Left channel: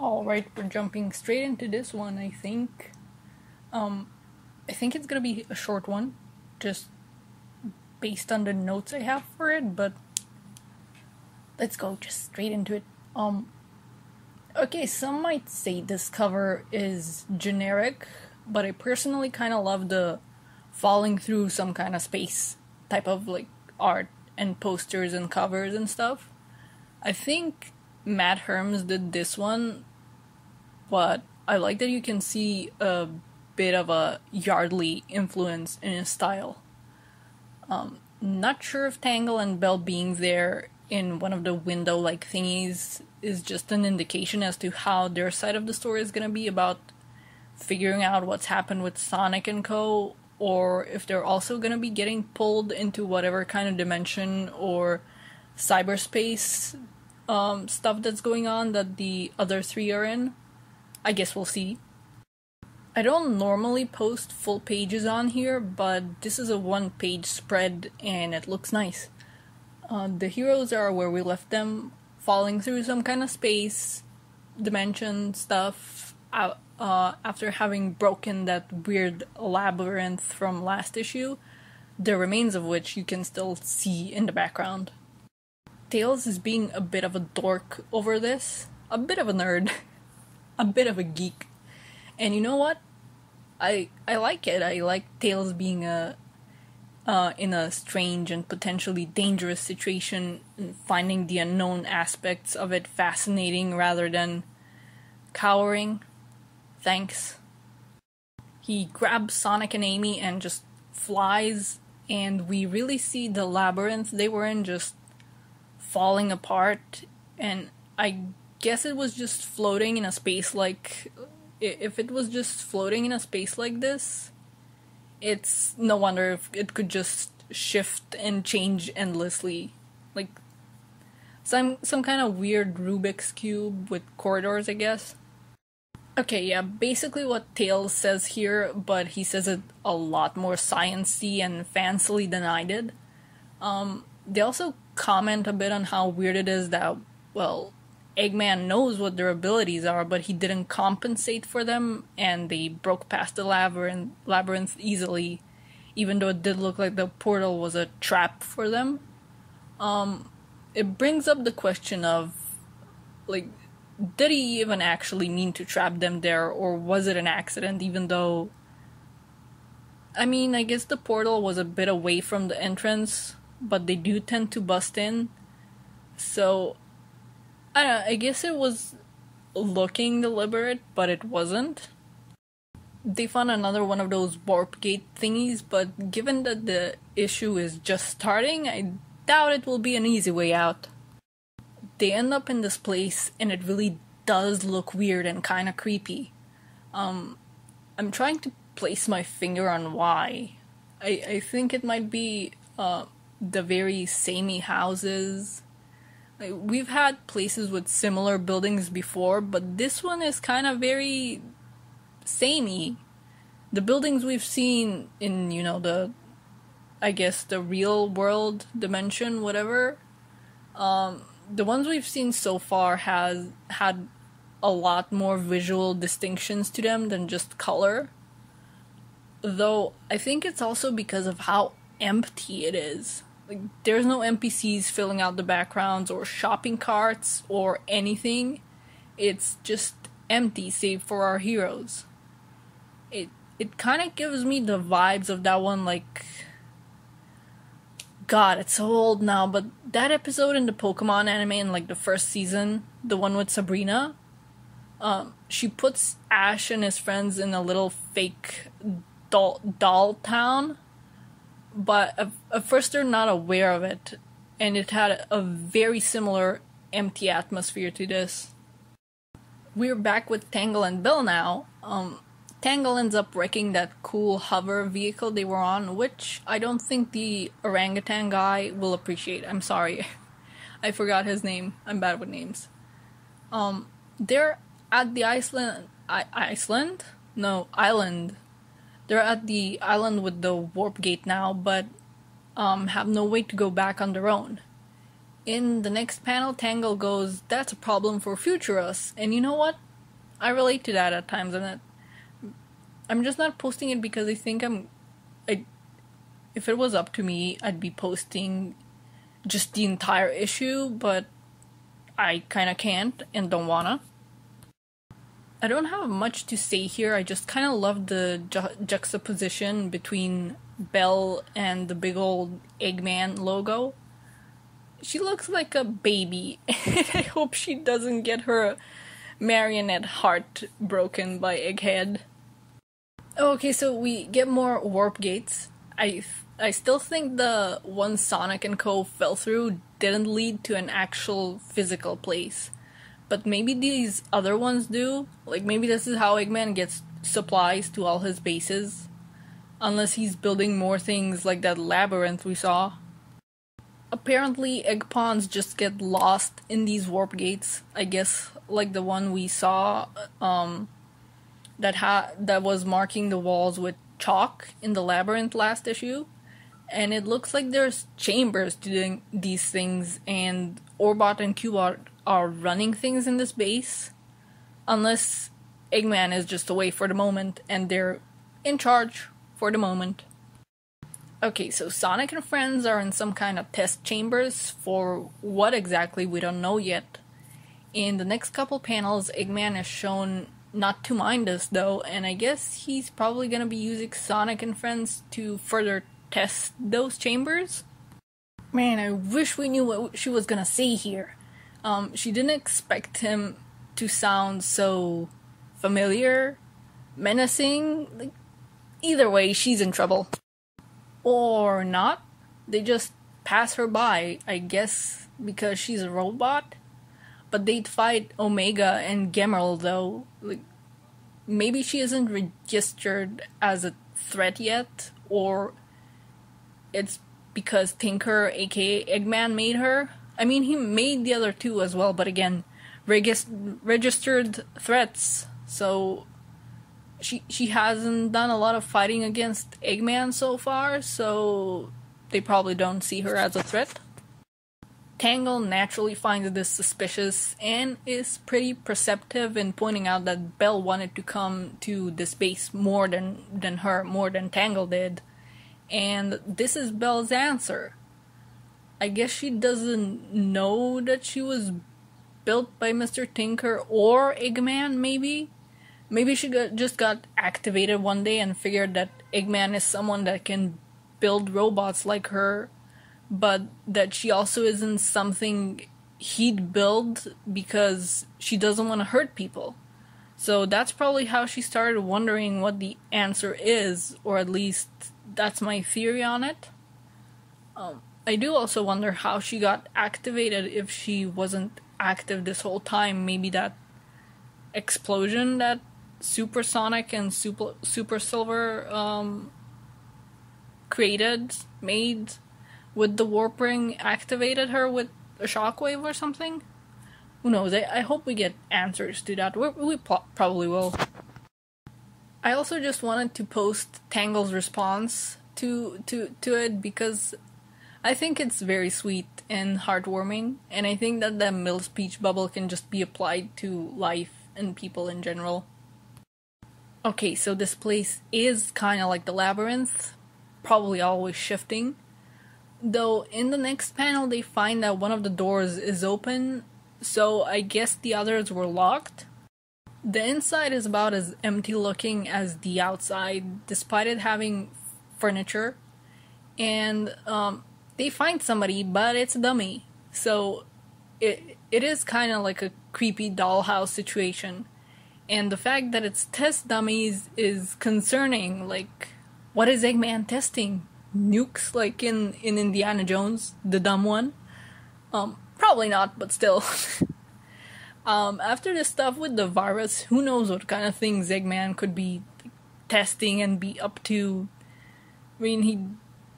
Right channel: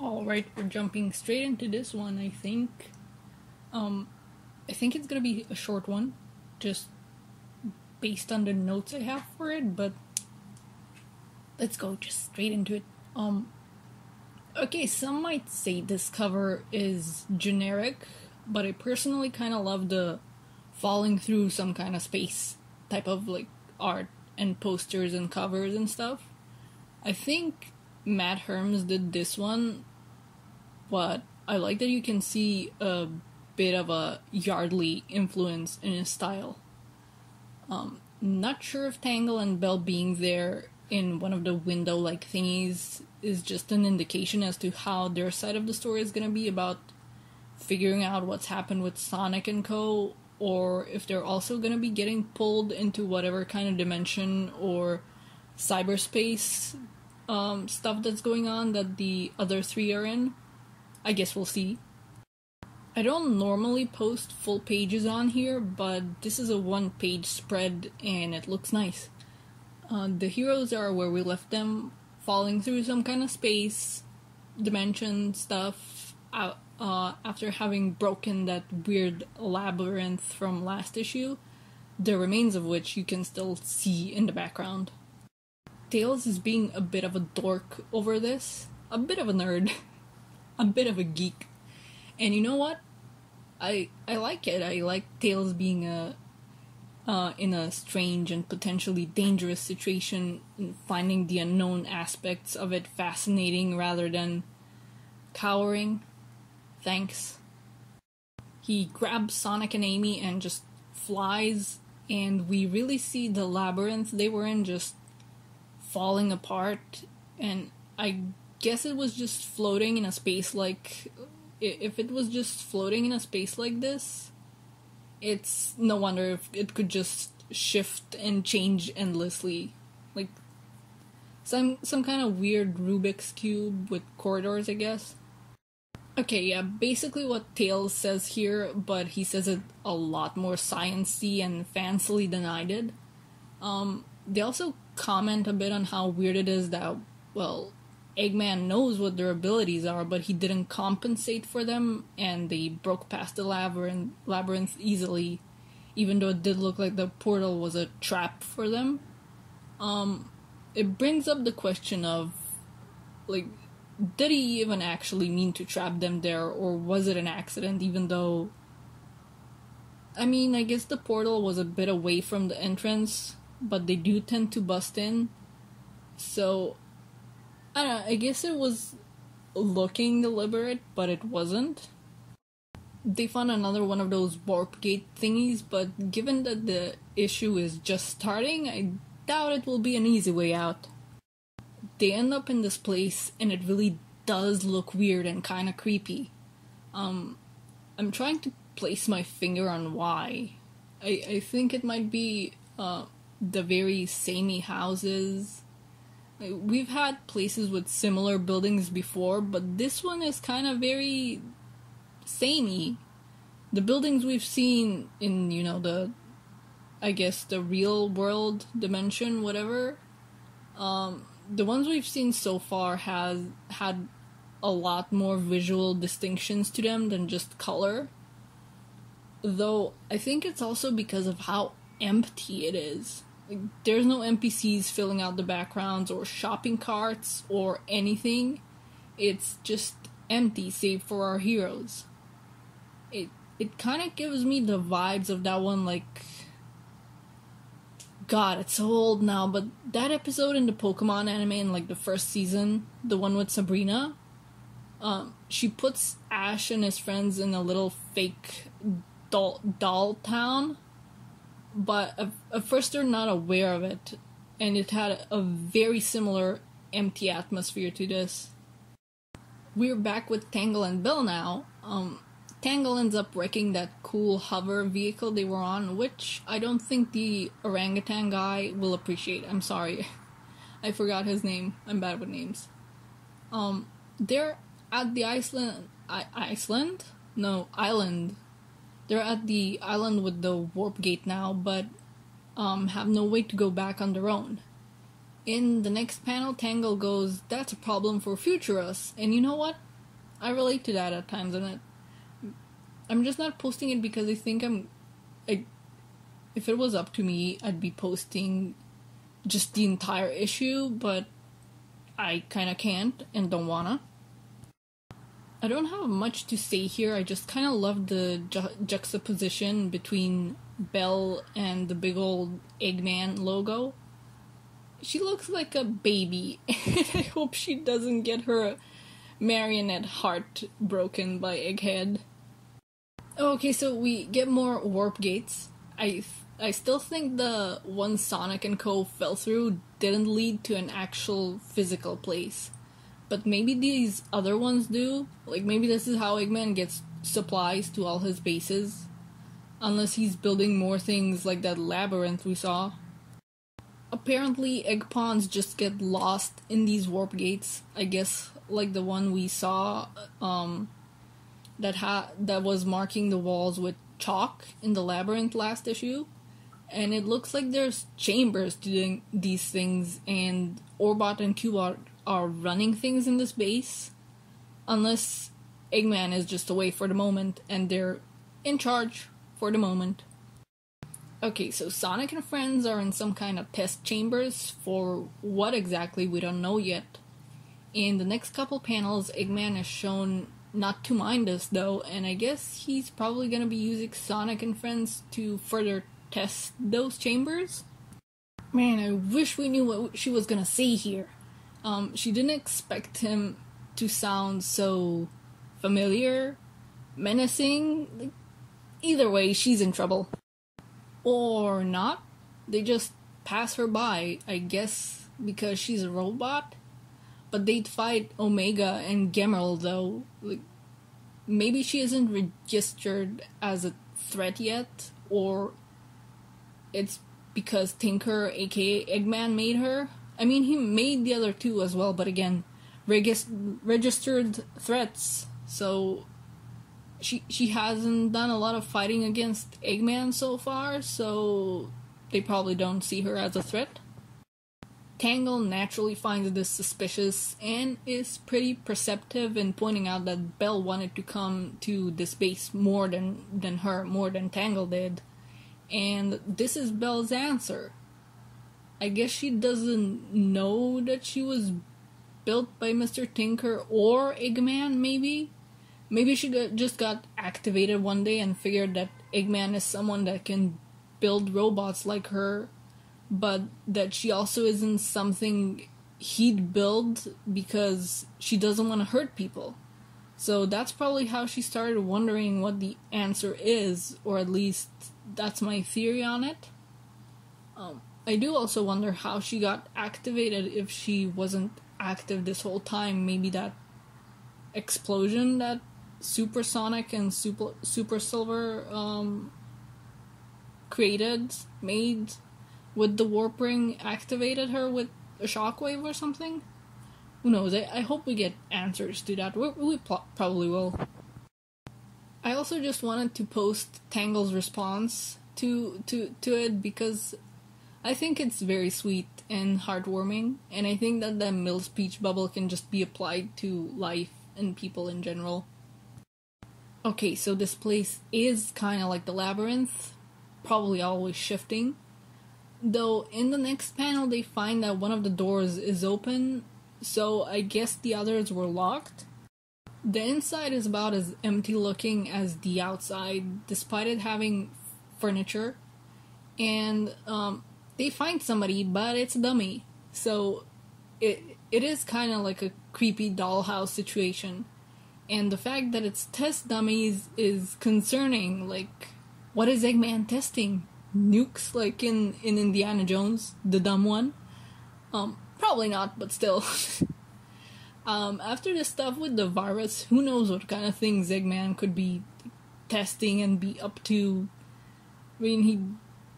Alright, we're jumping straight into this one, I think. I think it's gonna be a short one, just based on the notes I have for it, but let's go just straight into it. Okay, some might say this cover is generic, but I personally kind of love the falling through some kind of space type of like art and posters and covers and stuff. I think Matt Herms did this one, but I like that you can see a bit of a Yardley influence in his style. Not sure if Tangle and Belle being there in one of the window-like thingies is just an indication as to how their side of the story is gonna be about figuring out what's happened with Sonic and Co., or if they're also gonna be getting pulled into whatever kind of dimension or cyberspace stuff that's going on that the other three are in. I guess we'll see. I don't normally post full pages on here, but this is a one-page spread and it looks nice. The heroes are where we left them, falling through some kind of space, dimension stuff, after having broken that weird labyrinth from last issue, the remains of which you can still see in the background. Tails is being a bit of a dork over this, a bit of a nerd, a bit of a geek. And you know what? I like it. I like Tails being in a strange and potentially dangerous situation and finding the unknown aspects of it fascinating rather than cowering. Thanks. He grabs Sonic and Amy and just flies, and we really see the labyrinth they were in just falling apart, and I guess it was just floating in a space like... If it was just floating in a space like this, it's no wonder if it could just shift and change endlessly. Like some kind of weird Rubik's Cube with corridors, I guess. Okay, yeah, basically what Tails says here, but he says it a lot more science-y and fancily than I did. They also comment a bit on how weird it is that, well, Eggman knows what their abilities are, but he didn't compensate for them, and they broke past the labyrinth easily, even though it did look like the portal was a trap for them. It brings up the question of, like, did he even actually mean to trap them there, or was it an accident, even though... I mean, I guess the portal was a bit away from the entrance, but they do tend to bust in, so... I don't know, I guess it was looking deliberate, but it wasn't. They found another one of those warp gate thingies, but given that the issue is just starting, I doubt it will be an easy way out. They end up in this place, and it really does look weird and kinda creepy. I'm trying to place my finger on why. I think it might be the very samey houses. We've had places with similar buildings before, but this one is kind of very samey. The buildings we've seen in, you know, I guess the real world dimension, whatever, the ones we've seen so far has had a lot more visual distinctions to them than just color. Though, I think it's also because of how empty it is. Like, there's no NPCs filling out the backgrounds or shopping carts or anything. It's just empty, save for our heroes. It kind of gives me the vibes of that one, like... God, it's so old now, but that episode in the Pokemon anime in, like, the first season, the one with Sabrina, she puts Ash and his friends in a little fake doll town, but at first they're not aware of it, and it had a very similar empty atmosphere to this. We're back with Tangle and Belle now. Tangle ends up wrecking that cool hover vehicle they were on, which I don't think the orangutan guy will appreciate. I'm sorry. I forgot his name. I'm bad with names. They're at the island? No, island. They're at the island with the warp gate now, but have no way to go back on their own. In the next panel, Tangle goes, "That's a problem for future us." And you know what? I relate to that at times, and I'm just not posting it because I think if it was up to me, I'd be posting just the entire issue, but I kinda can't and don't wanna. I don't have much to say here. I just kind of love the juxtaposition between Belle and the big old Eggman logo. She looks like a baby, and I hope she doesn't get her marionette heart broken by Egghead. Okay, so we get more warp gates. I still think the one Sonic and Co. fell through didn't lead to an actual physical place. But maybe these other ones do. Like, maybe this is how Eggman gets supplies to all his bases. Unless he's building more things like that labyrinth we saw. Apparently, egg pawns just get lost in these warp gates. I guess, like the one we saw, that was marking the walls with chalk in the labyrinth last issue. And it looks like there's chambers to these things, and Orbot and Cubot are running things in this base. Unless Eggman is just away for the moment, and they're in charge for the moment. Okay, so Sonic and friends are in some kind of test chambers for what exactly we don't know yet. In the next couple panels, Eggman is shown not to mind us though, and I guess he's probably gonna be using Sonic and friends to further test those chambers. Man, I wish we knew what she was gonna say here. She didn't expect him to sound so familiar, menacing. Like, either way, she's in trouble. Or not. They just pass her by, I guess, because she's a robot. But they'd fight Omega and Gemerl, though. Like, maybe she isn't registered as a threat yet, or it's because Tinker, aka Eggman, made her. I mean, he made the other two as well, but again, registered threats, so she hasn't done a lot of fighting against Eggman so far, so they probably don't see her as a threat. Tangle naturally finds this suspicious and is pretty perceptive in pointing out that Belle wanted to come to this base more than Tangle did, and this is Belle's answer. I guess she doesn't know that she was built by Mr. Tinker or Eggman, maybe? Maybe she just got activated one day and figured that Eggman is someone that can build robots like her, but that she also isn't something he'd build because she doesn't want to hurt people. So that's probably how she started wondering what the answer is, or at least that's my theory on it. I do also wonder how she got activated if she wasn't active this whole time. Maybe that explosion that Super Sonic and Super Silver made with the warp ring activated her with a shockwave or something? Who knows? I hope we get answers to that. We probably will. I also just wanted to post Tangle's response to it because I think it's very sweet and heartwarming, and I think that the middle speech bubble can just be applied to life and people in general. Okay, so this place is kind of like the labyrinth, probably always shifting. Though in the next panel they find that one of the doors is open, so I guess the others were locked. The inside is about as empty looking as the outside, despite it having furniture. And they find somebody, but it's a dummy. So it is kind of like a creepy dollhouse situation. And the fact that it's test dummies is concerning. Like, what is Eggman testing? Nukes, like in Indiana Jones, the dumb one? Probably not, but still. After this stuff with the virus, who knows what kind of things Eggman could be testing and be up to. I mean, he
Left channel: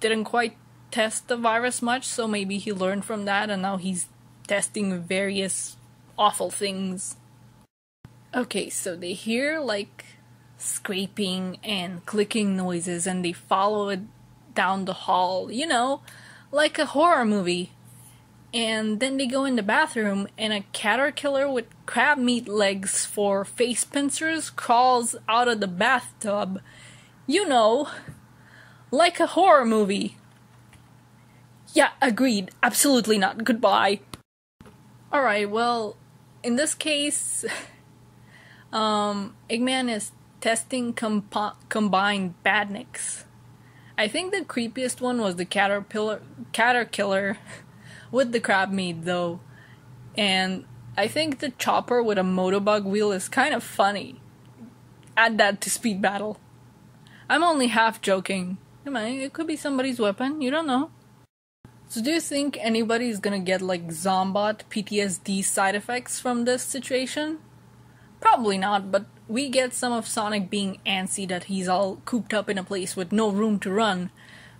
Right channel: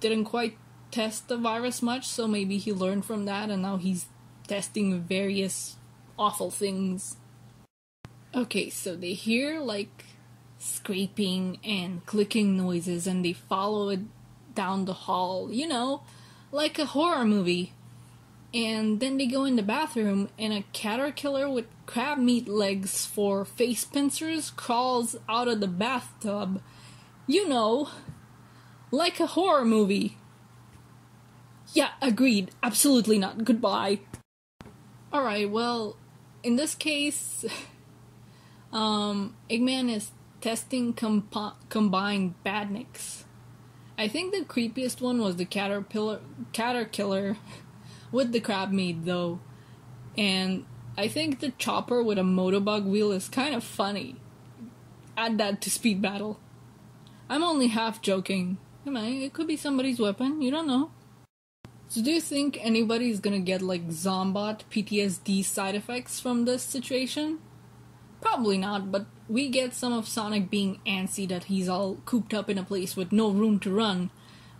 didn't quite test the virus much, so maybe he learned from that and now he's testing various awful things. Okay, so they hear like scraping and clicking noises and they follow it down the hall, you know, like a horror movie. And then they go in the bathroom, and a caterpillar with crab meat legs for face pincers crawls out of the bathtub. You know, like a horror movie. Yeah, agreed. Absolutely not. Goodbye. Alright, well, in this case, Eggman is testing combined badniks. I think the creepiest one was the caterpillar with the crab meat, though. And I think the chopper with a motobug wheel is kind of funny. Add that to Speed Battle. I'm only half joking. It could be somebody's weapon, you don't know. So do you think anybody's gonna get like Zombot PTSD side effects from this situation? Probably not, but we get some of Sonic being antsy that he's all cooped up in a place with no room to run,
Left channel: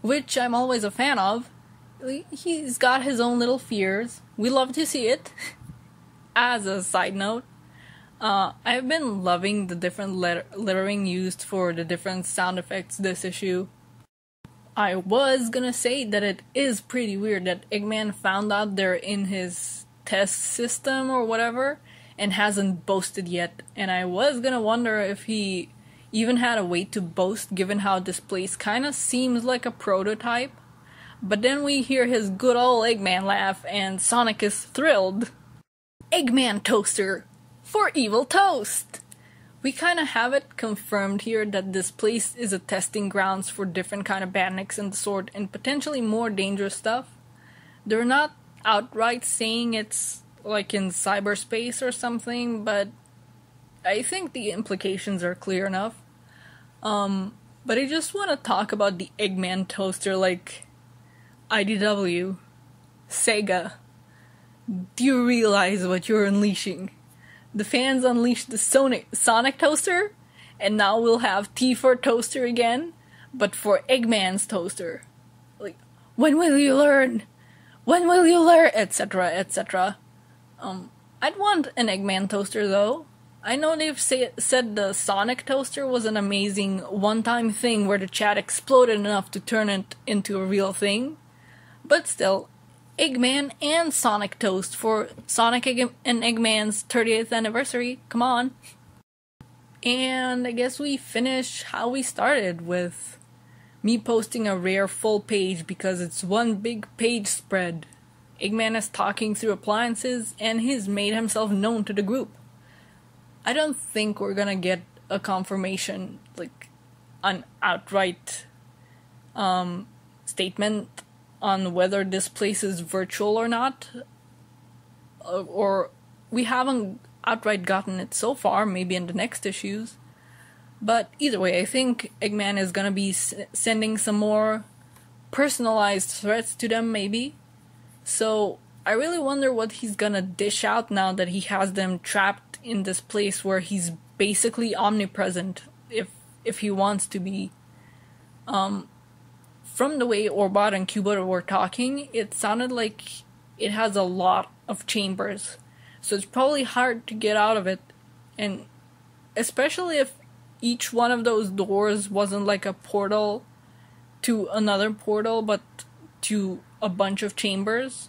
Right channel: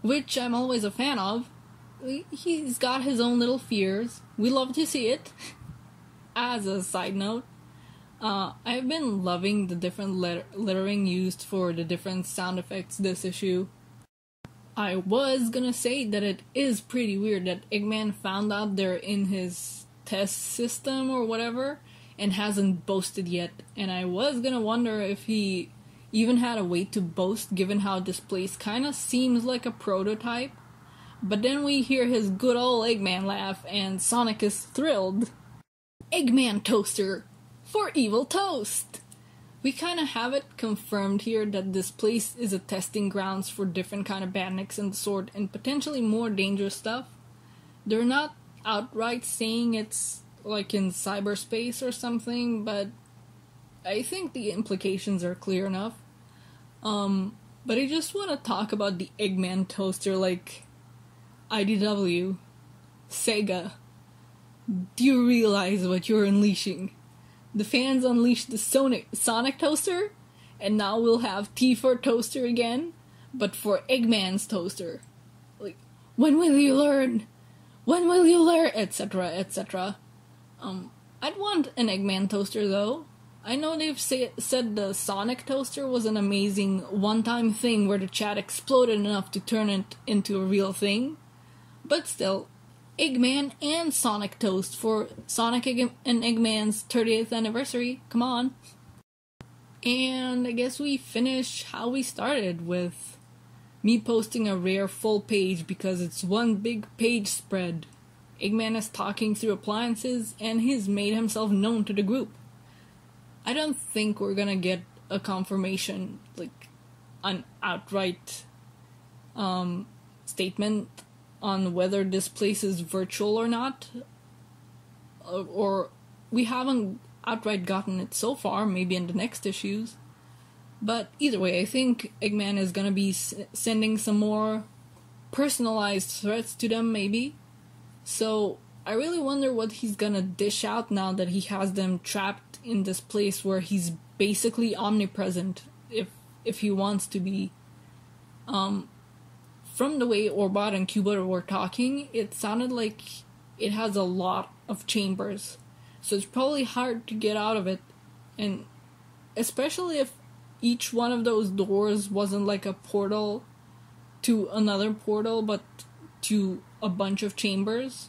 which I'm always a fan of. He's got his own little fears. We love to see it. As a side note, I've been loving the different lettering used for the different sound effects this issue. I was gonna say that it is pretty weird that Eggman found out they're in his test system or whatever and hasn't boasted yet, and I was gonna wonder if he even had a way to boast given how this place kinda seems like a prototype. But then we hear his good old Eggman laugh and Sonic is thrilled. Eggman toaster for evil toast! We kind of have it confirmed here that this place is a testing grounds for different kind of badniks and the sort, and potentially more dangerous stuff. They're not outright saying it's like in cyberspace or something, but I think the implications are clear enough. But I just want to talk about the Eggman toaster like IDW, Sega. Do you realize what you're unleashing? The fans unleashed the Sonic toaster, and now we'll have T for toaster again, but for Eggman's toaster. Like, when will you learn? When will you learn? Etc., etc. I'd want an Eggman toaster, though. I know they've said the Sonic toaster was an amazing one-time thing where the chat exploded enough to turn it into a real thing, but still, Eggman and Sonic toast for Sonic and Eggman's 30th anniversary. Come on. And I guess we finish how we started, with me posting a rare full page because it's one big page spread. Eggman is talking through appliances and he's made himself known to the group. I don't think we're gonna get a confirmation, like an outright statement on whether this place is virtual or not, or we haven't outright gotten it so far, maybe in the next issues. But either way, I think Eggman is gonna be sending some more personalized threats to them, maybe. So I really wonder what he's gonna dish out now that he has them trapped in this place where he's basically omnipresent, if he wants to be. From the way Orbot and Cubot were talking, it sounded like it has a lot of chambers. So it's probably hard to get out of it. And especially if each one of those doors wasn't like a portal to another portal, but to a bunch of chambers.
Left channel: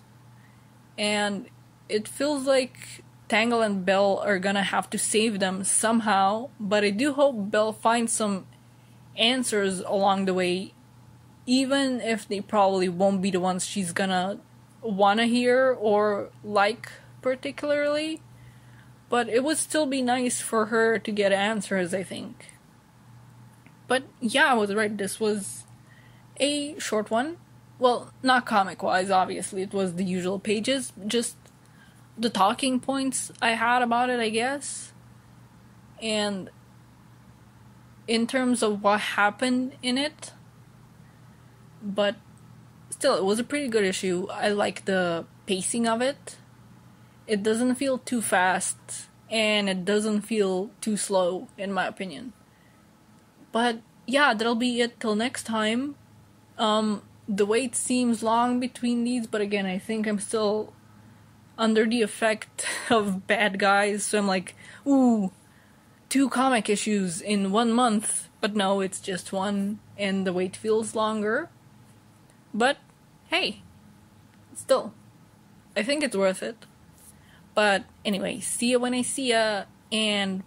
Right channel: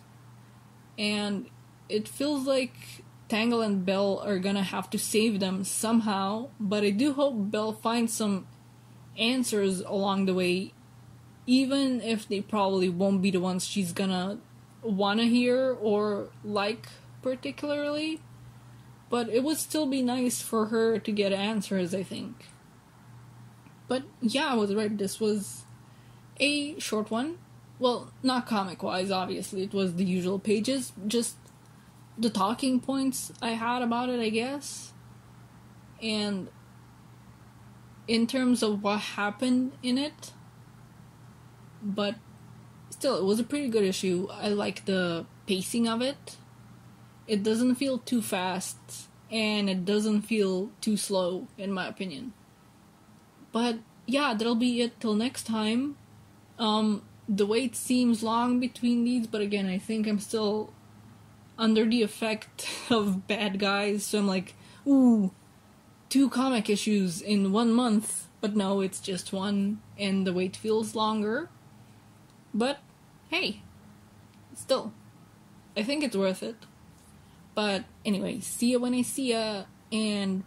And it feels like Tangle and Belle are gonna have to save them somehow. But I do hope Belle finds some answers along the way, even if they probably won't be the ones she's gonna wanna hear or like particularly. But it would still be nice for her to get answers, I think. But yeah, I was right, this was a short one. Well, not comic-wise, obviously, it was the usual pages, just the talking points I had about it, I guess. And in terms of what happened in it, but still, it was a pretty good issue. I like the pacing of it. It doesn't feel too fast, and it doesn't feel too slow, in my opinion. But yeah, that'll be it till next time. The wait seems long between these, but again, I think I'm still under the effect of Bad Guys, so I'm like, ooh, 2 comic issues in 1 month. But no, it's just one, and the wait feels longer. But hey, still, I think it's worth it. But anyway, see ya when I see ya, and